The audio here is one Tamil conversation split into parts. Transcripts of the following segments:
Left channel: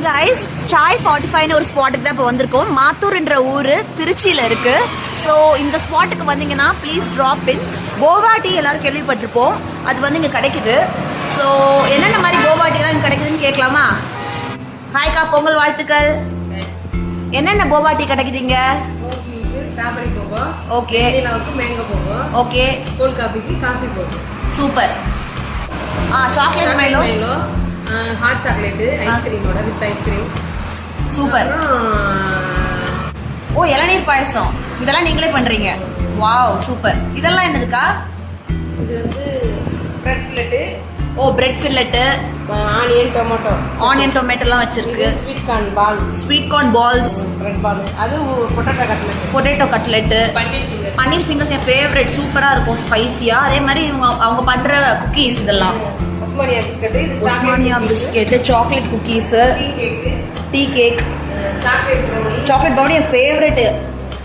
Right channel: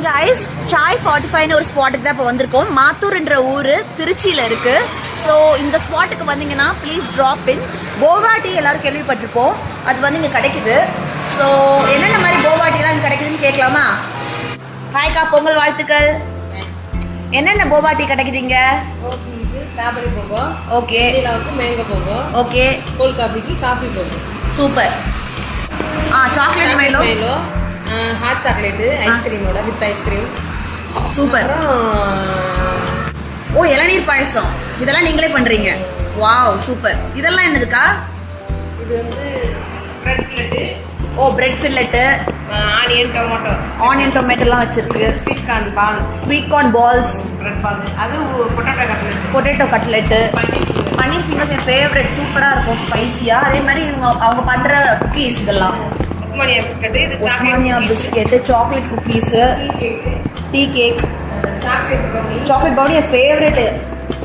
ஹாய் காய்ஸ், சாய் 45 ஒரு ஸ்பாட்டுக்கு தான் இப்போ வந்திருக்கோம். மாத்தூர்ன்ற ஊர் திருச்சியில் இருக்கு. ஸோ இந்த ஸ்பாட்டுக்கு வந்தீங்கன்னா ப்ளீஸ் ட்ராப் இன். போவா டீ எல்லாரும் கேள்விப்பட்டிருப்போம், அது வந்து இங்கே கிடைக்குது. ஸோ என்னென்ன மாதிரி போவா டீலாம் இங்கே கிடைக்குதுன்னு கேட்கலாமா? ஹாய்க்கா, பொங்கல் வாழ்த்துக்கள். என்னென்ன போவா டீ கிடைக்குதுங்க? Okay okay. கோல்ட் காஃபிக்கு காஃபி போகும். Super. Chocolate Milo, hot chocolate ஐஸ்கிரீமோட வித் ஐஸ்கிரீம். சூப்பர். ஓ, இளநீர் பாயசம் இதெல்லாம் நீங்களே பண்றீங்க? Wow, super. இதெல்லாம் என்னதுக்கா? இது வந்து bread fillet. Oh, bread fillet, onion டொமேட்டோலாம் வச்சிருக்கு. Sweet corn balls, bread ball, அது பொட்டேட்டோ கட்லெட், பன்னீர் ஃபிங்கர்ஸ் என் ஃபேவரட். சூப்பரா இருக்கும், ஸ்பைசியா. அதே மாதிரி அவங்க பண்ற குக்கீஸ் இதெல்லாம். Osmania biscuit, chocolate cookies, tea cake, chocolate brownie என் favourite.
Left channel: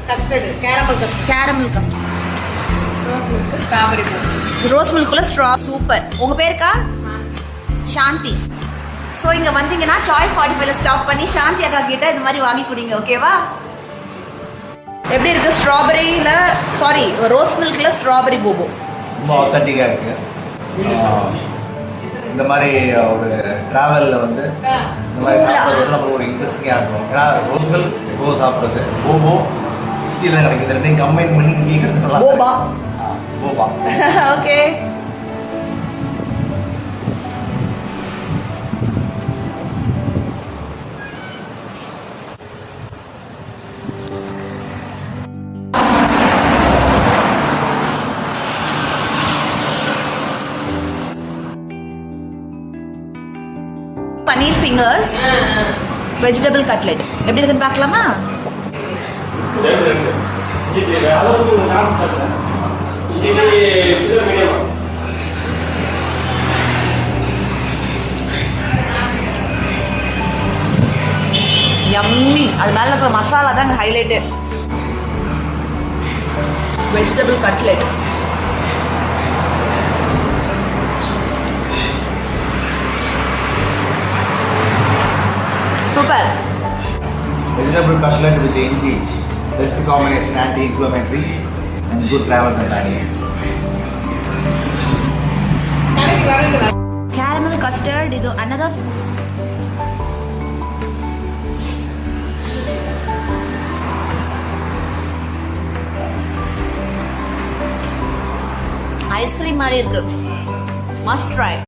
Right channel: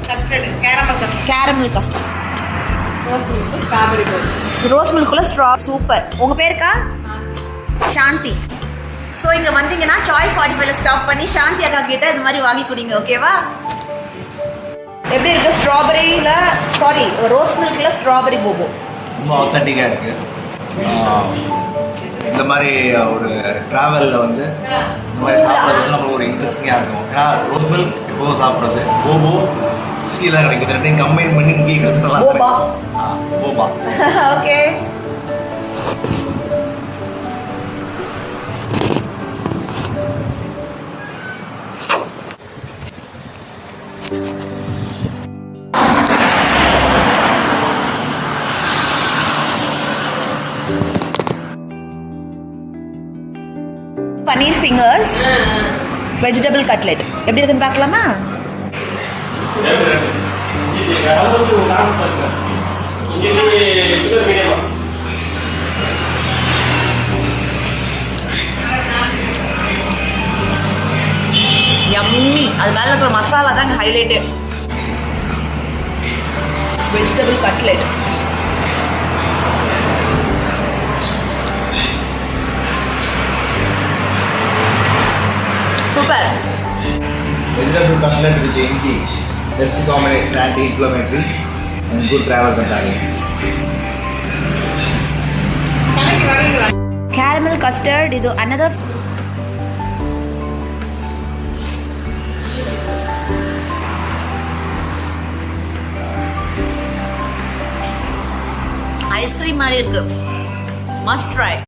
Custard, caramel custard, rose milk, strawberry போல், ரோஸ் மில்க்குள்ள ஸ்ட்ரா. சூப்பர். உங்க பேருக்கா? சாந்தி. ஸோ இங்க வந்தீங்கன்னா சாய் 45ல ஸ்டாப் பண்ணி சாந்தி அக்கா கிட்ட இந்த மாதிரி வாங்கி குடிங்க, ஓகேவா? எப்படி இருக்கு? ஸ்ட்ராபெரியில சாரி ரோஸ் மில்க்ல ஸ்ட்ராபெரி போபோ ரொம்ப ஆத்தென்டிக்காக இருக்கு. இந்த மாதிரி ஒரு ட்ராவலில் வந்து இந்த மாதிரி சாப்பிட்றது வந்து நம்மளுக்கு ஒரு இன்ட்ரெஸ்டிங்காக இருக்கும். ஏன்னா ரோஸ் மில்க் எப்போது சாப்பிட்றது, போபோ சிட்டியில் தான் கிடைக்குது. ரெண்டையும் கம்பைன் பண்ணி இங்கே கிடைச்சலாம். Boba. Boba. Okay. Paneer fingers, vegetable cutlet எப்படி இருக்குன்னு பார்க்கலாமா? யம்மி. அது மேல இருக்கிற மசாலா தான் highlight. Vegetable cutlet super. Vegetable cutlet with இஞ்சி, best combination, anti inflammatory and good travel companion. Caramel custard, இது அனதர். ஐஸ்கிரீம் மாதிரி இருக்கு, மஸ்ட் ட்ரை.